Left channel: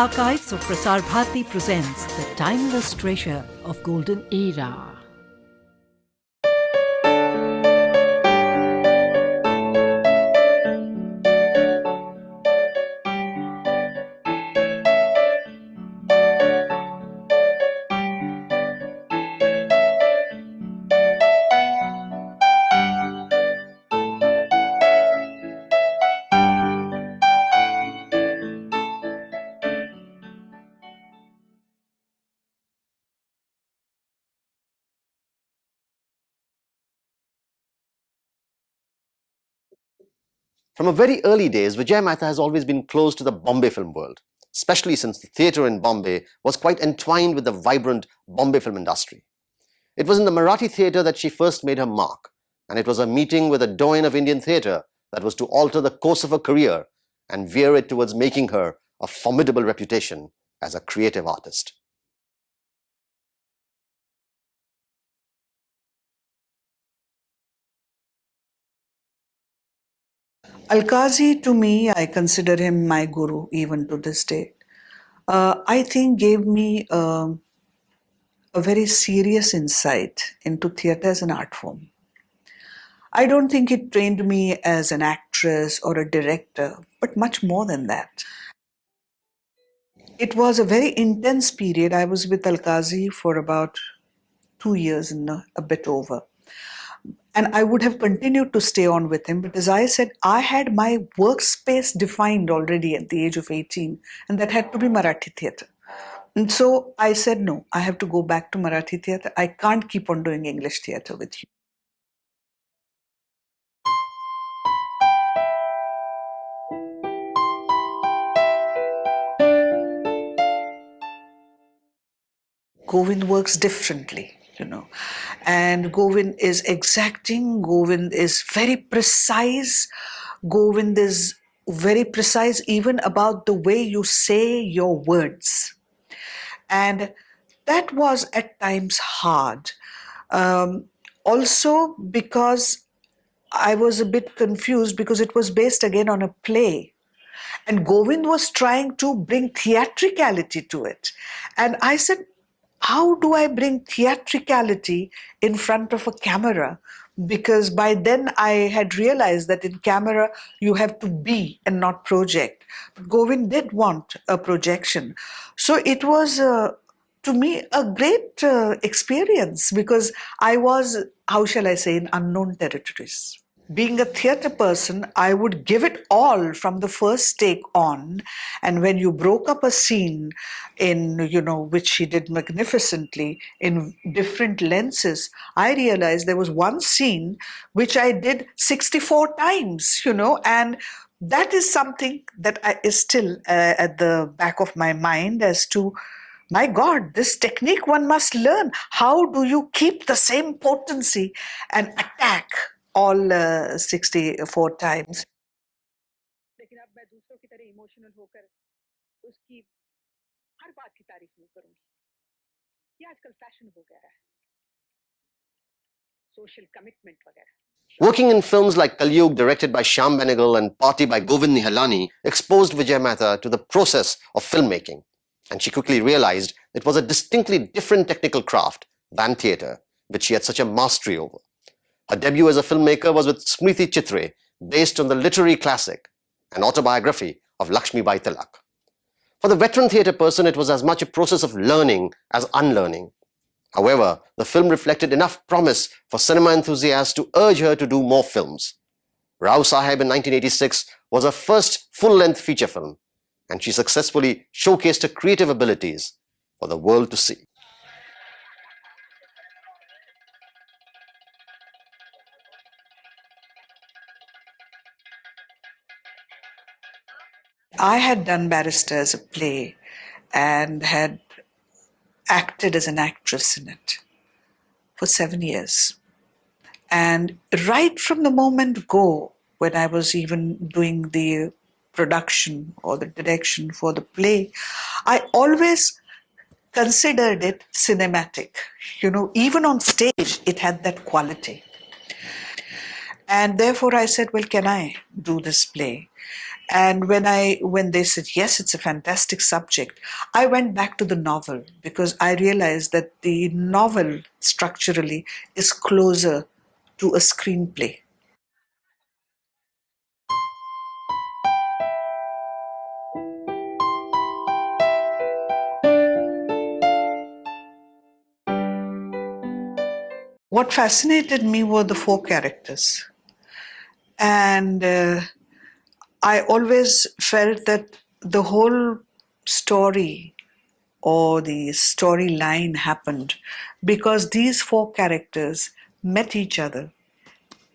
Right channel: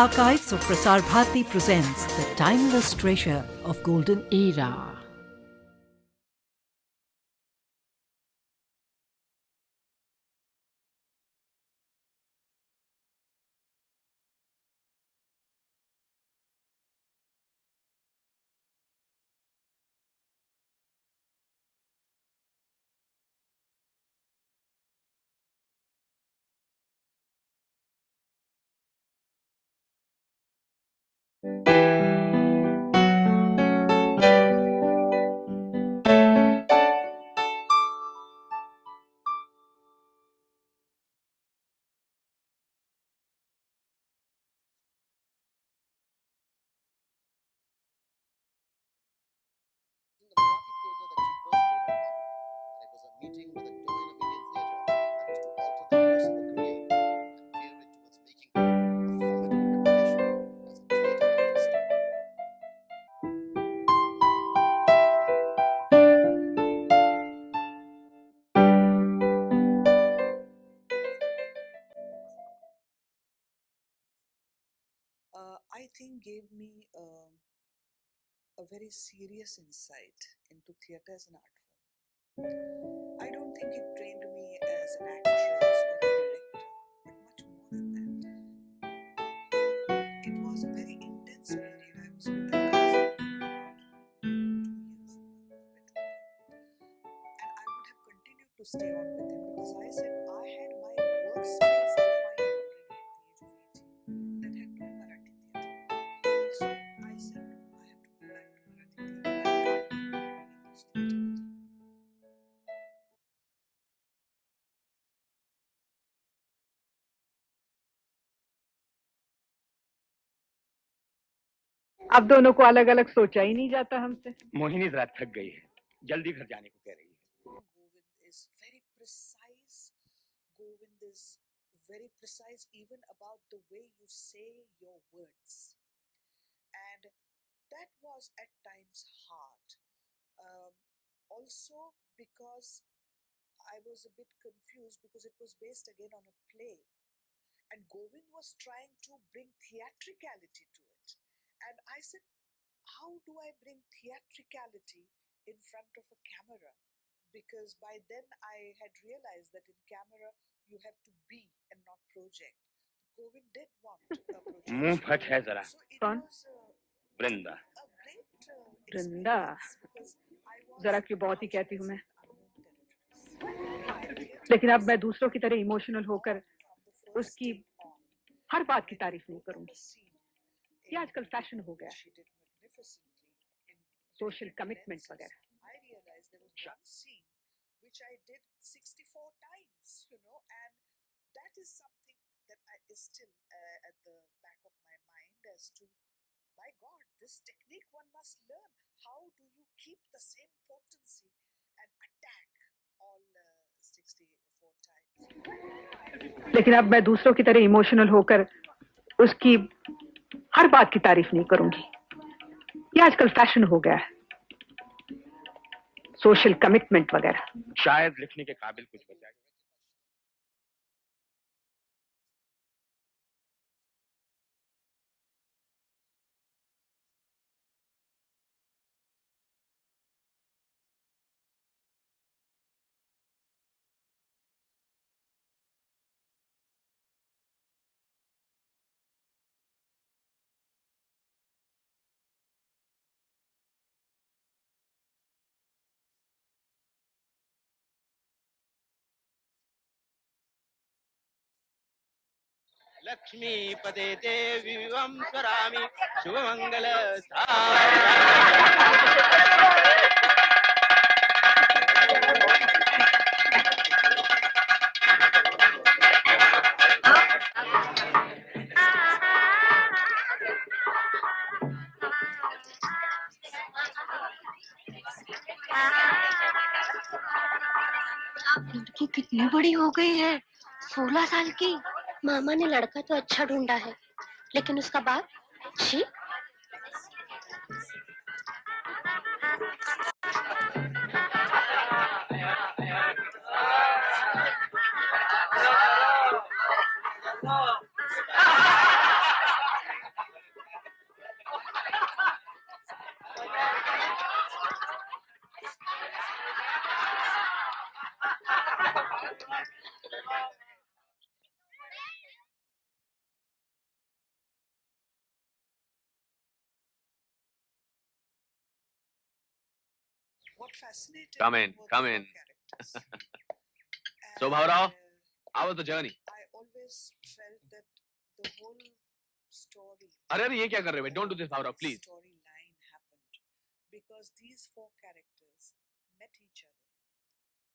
Archives of Prasar Bharati presents the timeless treasure of golden era. From a very early days, Vijaya Mehta has always been close to the Bombay film world, especially since the theatre in Bombay was quite entwined with the vibrant Bombay film industry. It was in the Marathi theatre that she first made her mark, and it was a meeting with a doyen of Indian theatre that was to alter the course of her career and veer it towards making her a formidable reputation as a creative artist. Alkazi, to me, I consider him my guru even to this day. I think gave me a very serious insight into theatre as an art form. I don't think it trained me as an actress or a director, but much more than that. It was a very intense period. I was with Alkazi for about 2 years and a bit over. And I would have continued to stay on with him, but as I said, I had my workspace defined already at the age of 18, and that had to be Marathi theatre. And so I said, no, I have to go back to Marathi theatre. I can't keep on doing English theatre with you. Govind works differently, and Govind is exacting, Govind is very precise, Govind is very precise even about the way you say your words. And that was at times hard. Also because I was a bit confused because it was based again on a play. And Govind was trying to bring theatricality to it. And I said, how do I bring theatricality in front of a camera? Because by then I had realized that in camera you have to be and not project. But Govind did want a projection. So it was, to me, a great experience because I was, how shall I say, in unknown territories. Being a theatre person, I would give it all from the first take on. And when you broke up a scene in, which she did magnificently in different lenses, I realized there was one scene which I did 64 times, and that is something that is still at the back of my mind as to, my God, this technique one must learn. How do you keep the same potency and attack all 64 times? लेकिन अब मैं दूसरों की तरह emotional होकर उसकी हर बात की तारीफ नहीं करूंगी. ये आजकल फैशन हो गया है. Social commitment वगैरह. Working in films like Kalyug, directed by Shyam Benegal, and Party by Govind Nihalani, exposed Vijaya Mehta to the process of filmmaking. And she quickly realized it was a distinctly different technical craft than theatre, which she had such a mastery over. Her debut as a filmmaker was with Smriti Chitre, based on the literary classic, an autobiography of Lakshmibai Tilak. For the veteran theatre person, it was as much a process of learning as unlearning. However, the film reflected enough promise for cinema enthusiasts to urge her to do more films. Rao Saheb in 1986 was her first full-length feature film, and she successfully showcased her creative abilities for the world to see. I had done Barrister as a play and had acted as an actress in it for 7 years. And right from the moment go, when I was even doing the production or the direction for the play, I always considered it cinematic. Even on stage, it had that quality. And therefore I said, well, can I do this play? And when they said, yes, it's a fantastic subject, I went back to the novel because I realized that the novel structurally is closer to a screenplay. What fascinated me were the four characters. And How was the journey? I always felt that the whole story or the storyline happened because these four characters met each other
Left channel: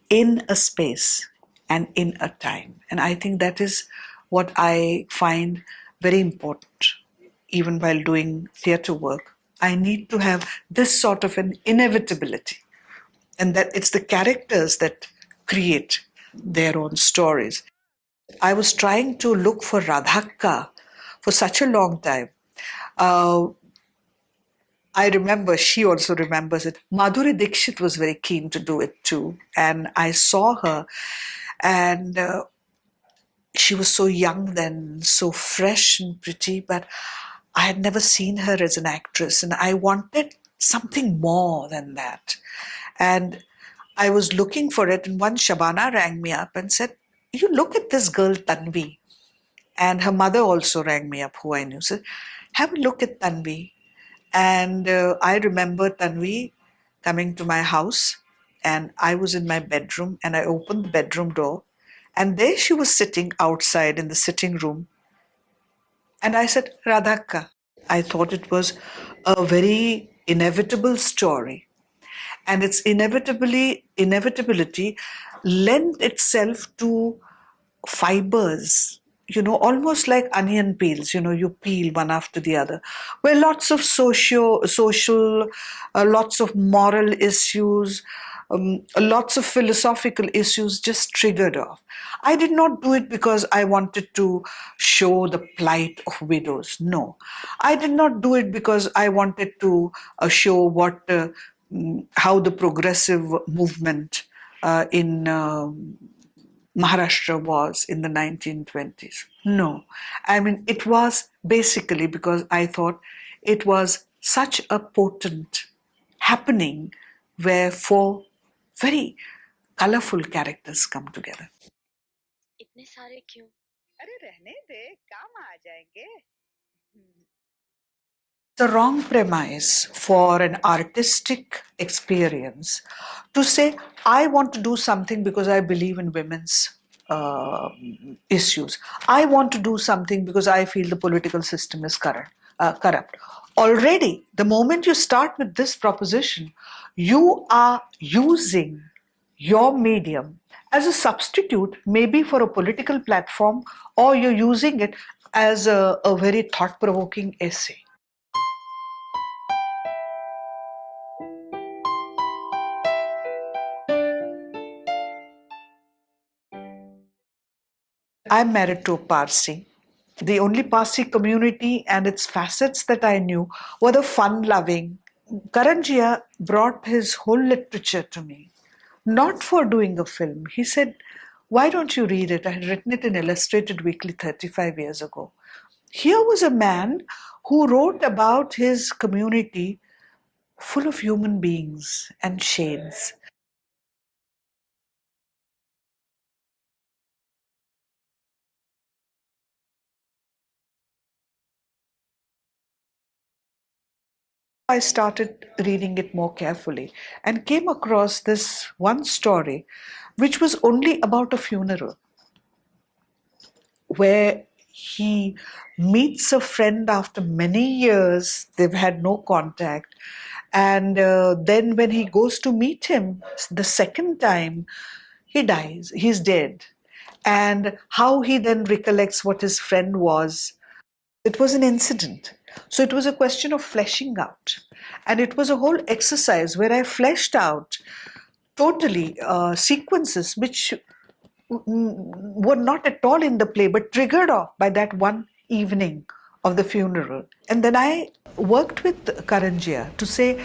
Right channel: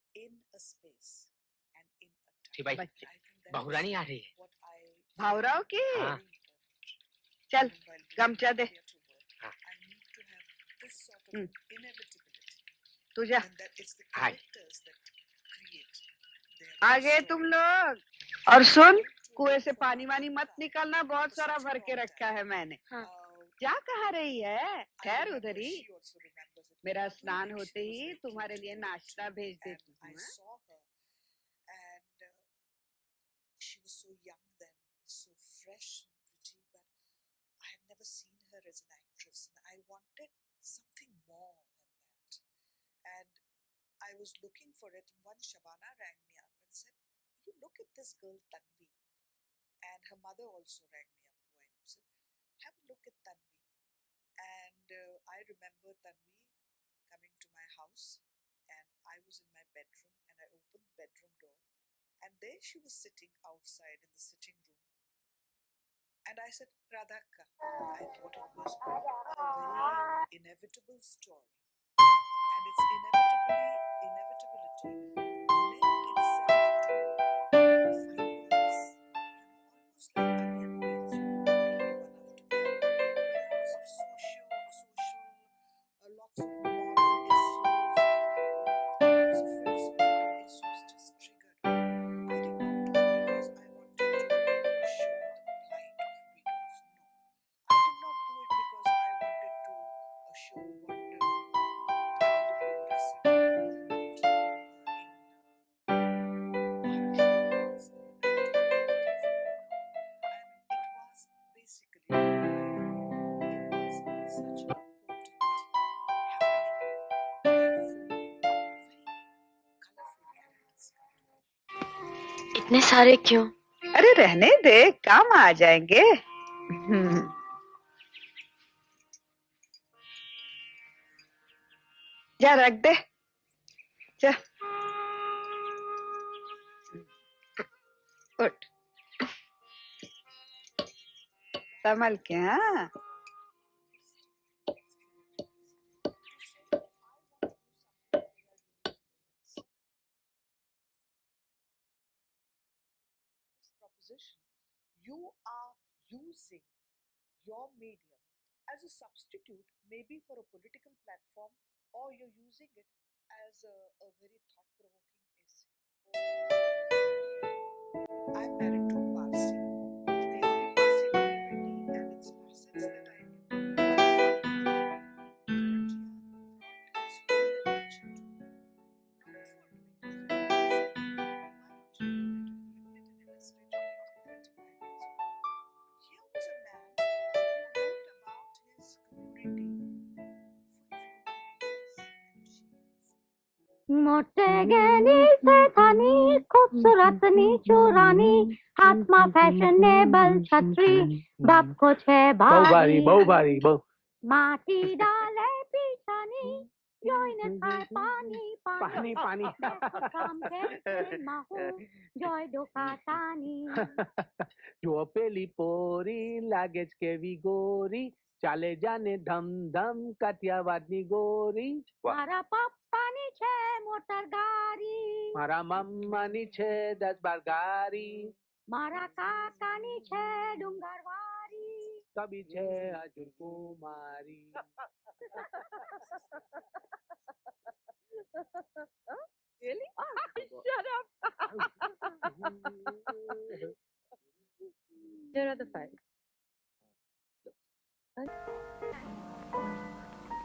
in a space and in a time. And I think that is what I find very important, even while doing theatre work. I need to have this sort of an inevitability, and that it's the characters that create their own stories. I was trying to look for Radhakka for such a long time. I remember, she also remembers it. Madhuri Dixit was very keen to do it too. And I saw her, and she was so young then, so fresh and pretty, but I had never seen her as an actress, and I wanted something more than that. And I was looking for it, and once Shabana rang me up and said, you look at this girl Tanvi. And her mother also rang me up, who I knew, said, have a look at Tanvi. And I remember Tanvi coming to my house, and I was in my bedroom, and I opened the bedroom door, and there she was sitting outside in the sitting room. And I said, Radhakka. I thought it was a very inevitable story. And its inevitability lent itself to fibers, almost like onion peels, you peel one after the other, where lots of social, lots of moral issues, lots of philosophical issues just triggered off. I did not do it because I wanted to show the plight of widows. No. I did not do it because I wanted to show how the progressive movement in Maharashtra was in the 1920s. No. I mean, it was basically because I thought it was such a potent happening where four very colorful characters come together. इतने सारे क्यों? अरे रहने दे, काम आ जाएंगे. The wrong premise for an artistic experience to say, I want to do something because I believe in women's issues. I want to do something because I feel the political system is corrupt. Already, the moment you start with this proposition, you are using your medium as a substitute, maybe for a political platform, or you're using it as a very thought-provoking essay. I'm married to a Parsi. The only Parsi community and its facets that I knew were the fun-loving. Karanjia brought his whole literature to me, not for doing a film. He said, why don't you read it? I had written it in Illustrated Weekly 35 years ago. Here was a man who wrote about his community full of human beings and shades. I started reading it more carefully and came across this one story which was only about a funeral, where he meets a friend after many years. They've had no contact, and then when he goes to meet him the second time, he dies, he's dead, and how he then recollects what his friend was. It was an incident. So it was a question of fleshing out. And it was a whole exercise where I fleshed out totally sequences which were not at all in the play, but triggered off by that one evening of the funeral. And then I worked with Karanjia to say,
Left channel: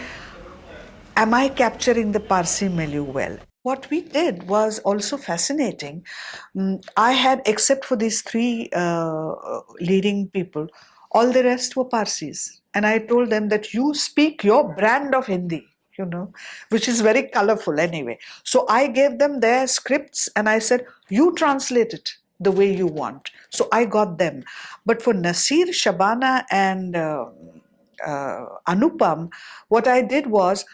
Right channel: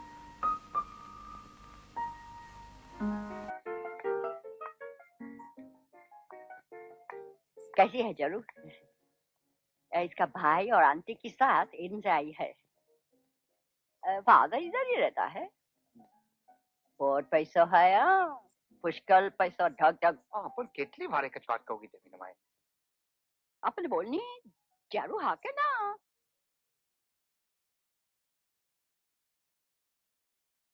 am I capturing the Parsi milieu well? What we did was also fascinating. I had, except for these three leading people, all the rest were Parsis. And I told them that you speak your brand of Hindi, you know, which is very colorful anyway. So I gave them their scripts and I said, you translate it the way you want. So I got them. But for Nasir, Shabana, and Anupam, what I did was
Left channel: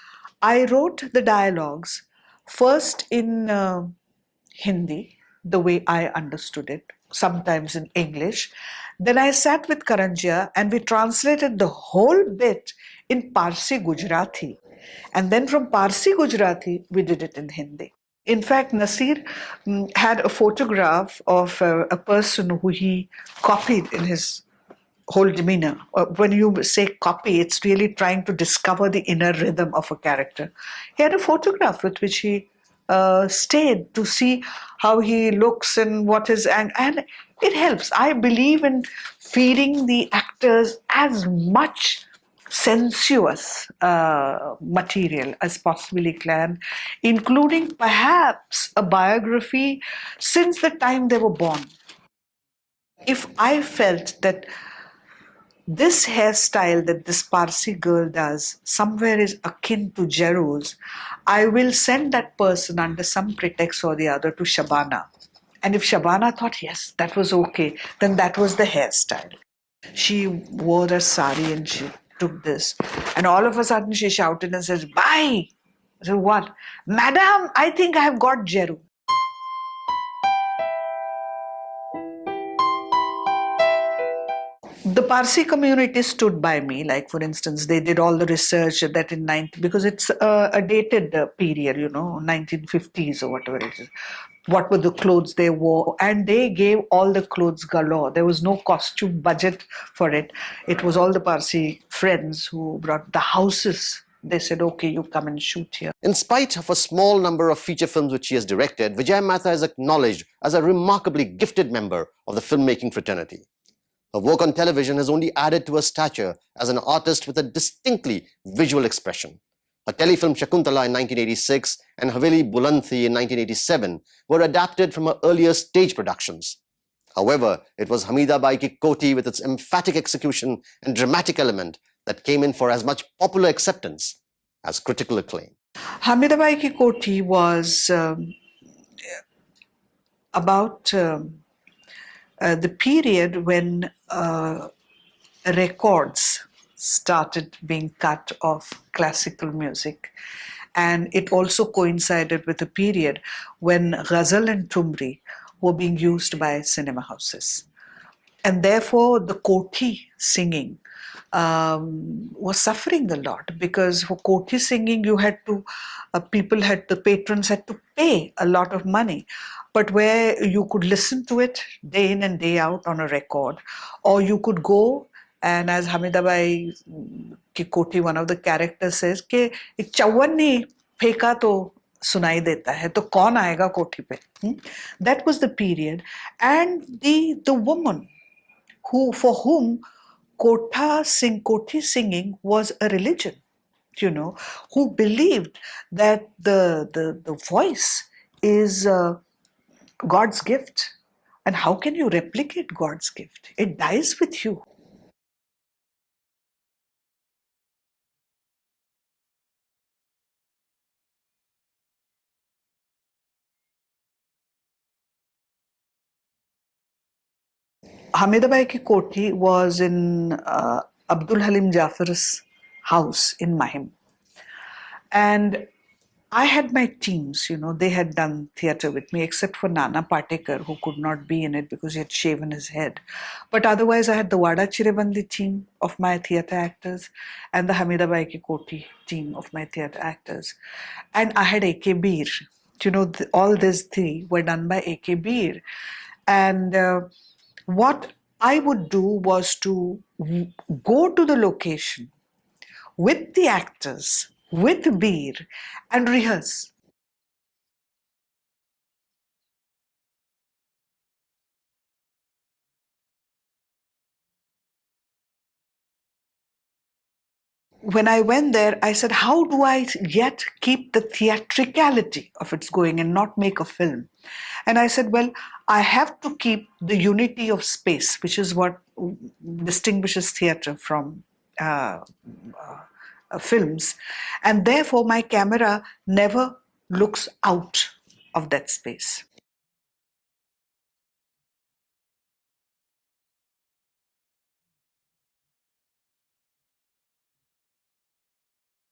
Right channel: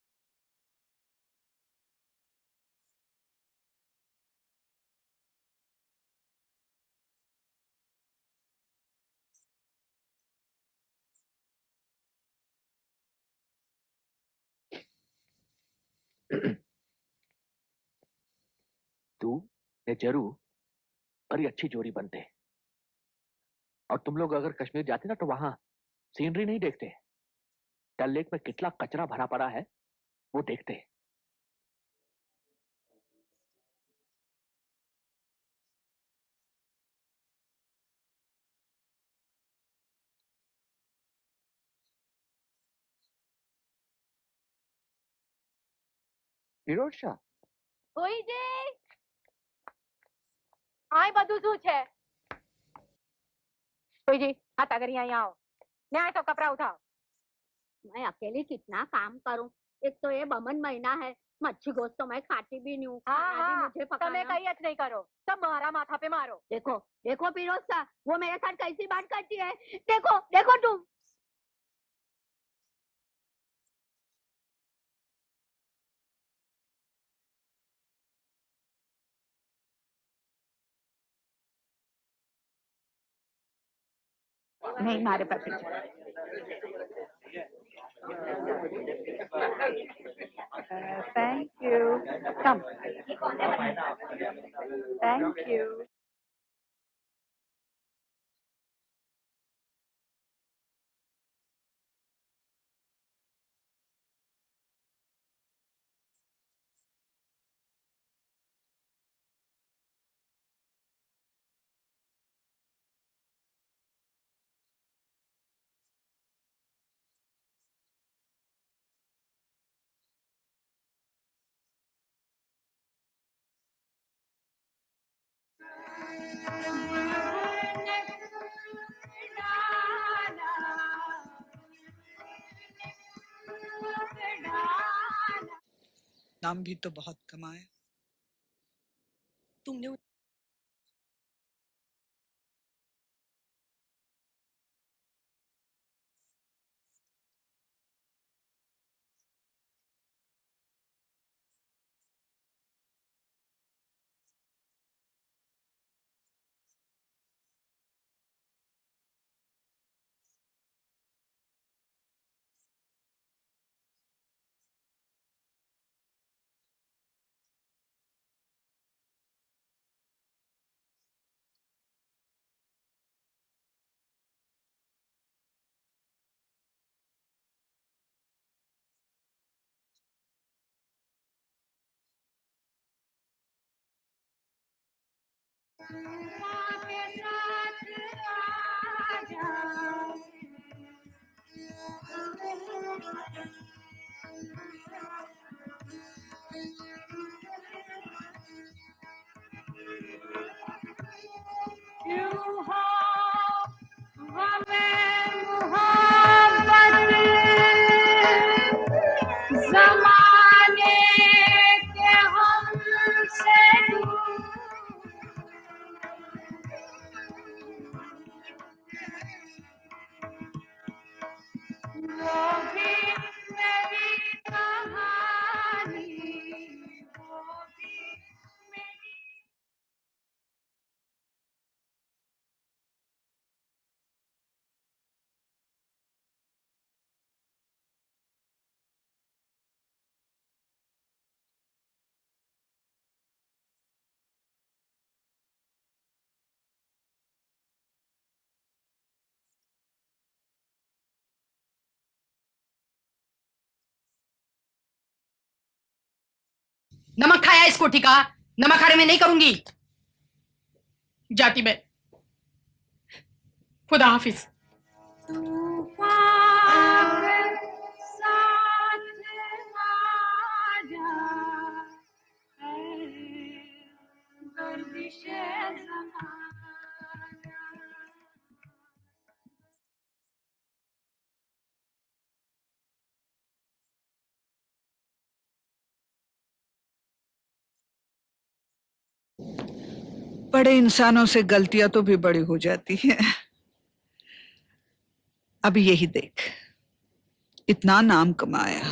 I wrote the dialogues first in Hindi, the way I understood it, sometimes in English. Then I sat with Karanjia and we translated the whole bit in Parsi Gujarati. And then from Parsi Gujarati, we did it in Hindi. In fact, Nasir had a photograph of a person who he copied in his whole demeanor. When you say copy, it's really trying to discover the inner rhythm of a character. He had a photograph with which he stayed to see how he looks and what is, and it helps. I believe in feeding the actors as much sensuous material as possibly can, including perhaps a biography since the time they were born. If I felt that this hairstyle that this Parsi girl does somewhere is akin to Jeru's, I will send that person under some pretext or the other to Shabana. And if Shabana thought, yes, that was okay, then that was the hairstyle. She wore a sari and she took this. And all of a sudden she shouted and says, bye. So what? Madam, I think I have got Jeru. The Parsi community stood by me. Like, for instance, they did all the research that in because it's a dated period, you know, 1950s or whatever it is. What were the clothes they wore? And they gave all the clothes galore. There was no costume budget for it. It was all the Parsi friends who brought the houses. They said, okay, you come and shoot here. In spite of a small number of feature films which she has directed, Vijaya Mehta is acknowledged as a remarkably gifted member of the filmmaking fraternity. Her work on television has only added to her stature as an artist with a distinctly visual expression. Her telefilm Shakuntala in 1986 and Haveli Bulanthi in 1987 were adapted from her earlier stage productions. However, it was Hamida Bai Ki Koti with its emphatic execution and dramatic element that came in for as much popular acceptance as critical acclaim. Hamida Bai Ki Koti was about the period when records started being cut of classical music. And it also coincided with a period when ghazal and tumri were being used by cinema houses. And therefore, the Koti singing was suffering a lot, because for Koti singing, you had to, the patrons had to pay a lot of money. But where you could listen to it day in and day out on a record, or you could go and, as Hamida Bai Ki Koti, one of the characters says, कि एक चौवन नहीं फेंका तो सुनाई देता है, तो कौन आएगा कोठी पे? That was the period, and the woman for whom Koti singing was a religion, you know, who believed that the voice is God's gift. And how can you replicate God's gift? It dies with you. Hamida Bai Ki Koti was in Abdul Halim Jafar's house in Mahim. And I had my teams, you know, they had done theatre with me, except for Nana Patekar, who could not be in it because he had shaven his head. But otherwise, I had the Wada Chirebandi team of my theatre actors and the Hamida Bai Ki Koti team of my theatre actors. And I had A.K. Bir. You know, all these three were done by A.K. Bir. And what I would do was to go to the location with the actors, with Bir, and rehearse. नमक खाया इस कोठी का, नमक खाने में नहीं करूंगी। जाती मैं। खुदा हाफिज। when I went there, I said, how do I yet keep the theatricality of its going and not make a film? And I said, well, I have to keep the unity of space, which is what distinguishes theatre from films. And therefore, my camera never looks out of that space. बड़े इंसानों से गलतियां तो भी बड़ी हो जाती हैं। अब यही देख, इतना नाम कमाया,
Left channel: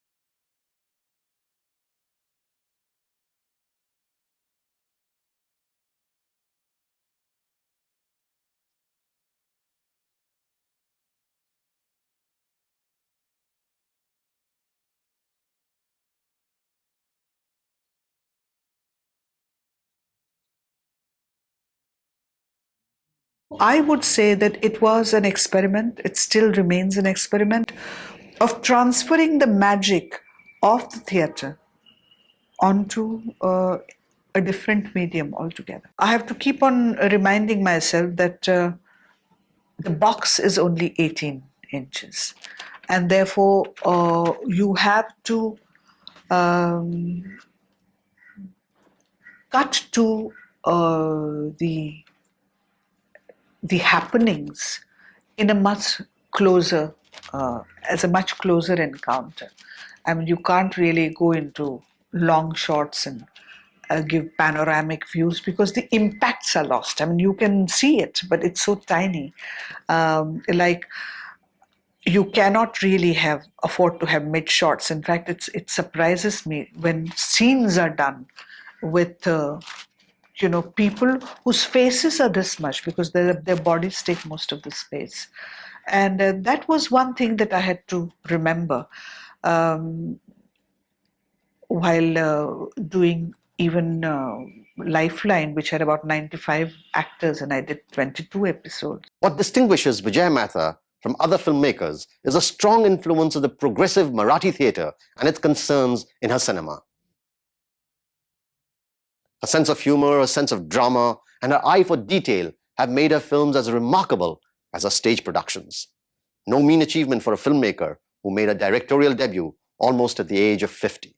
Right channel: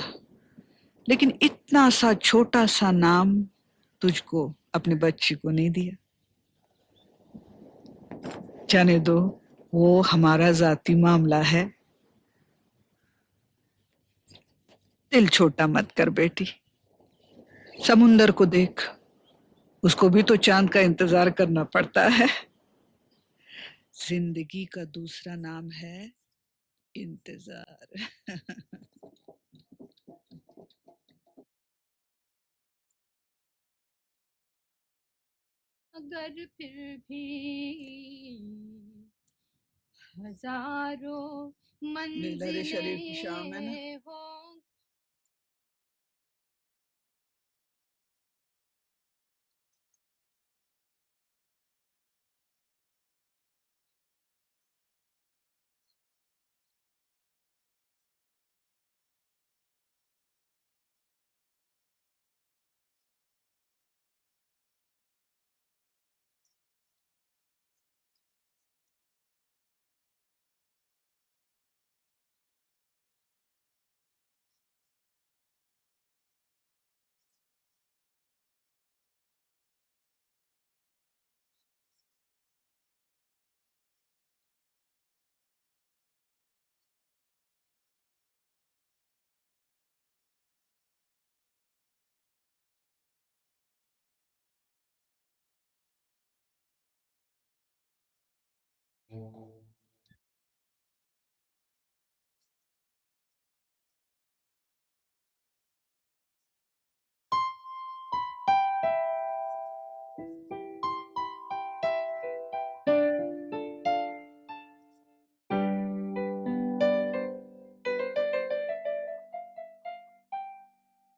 लेकिन इतना सा छोटा सा नाम तुझको अपनी बच्ची को नहीं दिया। जाने दो, वो हमारा जाती मामला है। दिल छोटा मत कर बेटी। समुंदर को देख, उसको भी तो चांद का इंतजार करना पड़ता है। I would say that it was an experiment, it still remains an experiment, of transferring the magic of the theatre onto a different medium altogether. I have to keep on reminding myself that the box is only 18 inches, and therefore you have to cut to the happenings in a much closer, as a much closer encounter. I mean, you can't really go into long shots and give panoramic views because the impacts are lost. I mean, you can see it, but it's so tiny. Like, you cannot really afford to have mid shots. In fact, it surprises me when scenes are done with people whose faces are this much because their bodies take most of the space. And that was one thing that I had to remember while doing even Lifeline, which had about 95 actors, and I did 22 episodes. What distinguishes Vijaya Mehta from other filmmakers is a strong influence of the progressive Marathi theatre and its concerns in her cinema. Her sense of humor, a sense of drama, and her eye for detail have made her films as remarkable as her stage productions. No mean achievement for a filmmaker who made her directorial debut almost at the age of 50.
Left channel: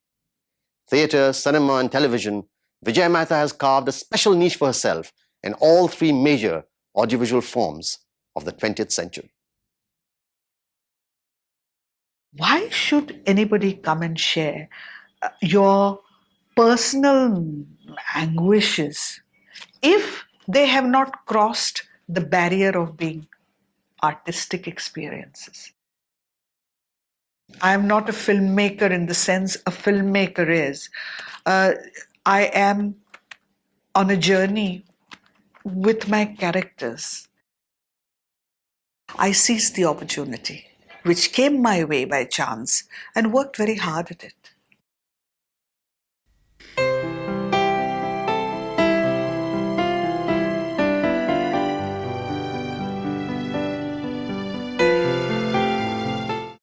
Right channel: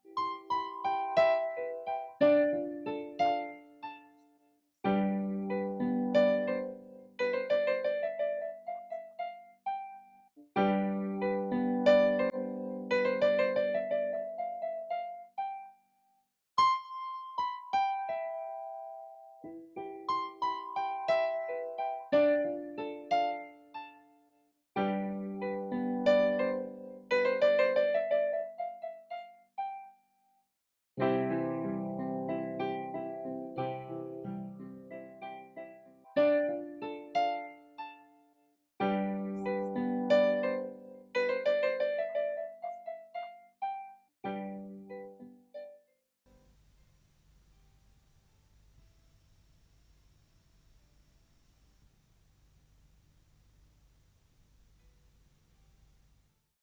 Theatre, cinema, and television, Vijaya Mehta has carved a special niche for herself in all three major audiovisual forms of the 20th century. Why should anybody come and share your personal anguishes if they have not crossed the barrier of being artistic experiences? I am not a filmmaker in the sense a filmmaker is. I am on a journey with my characters. I seized the opportunity, which came my way by chance, and worked very hard at it.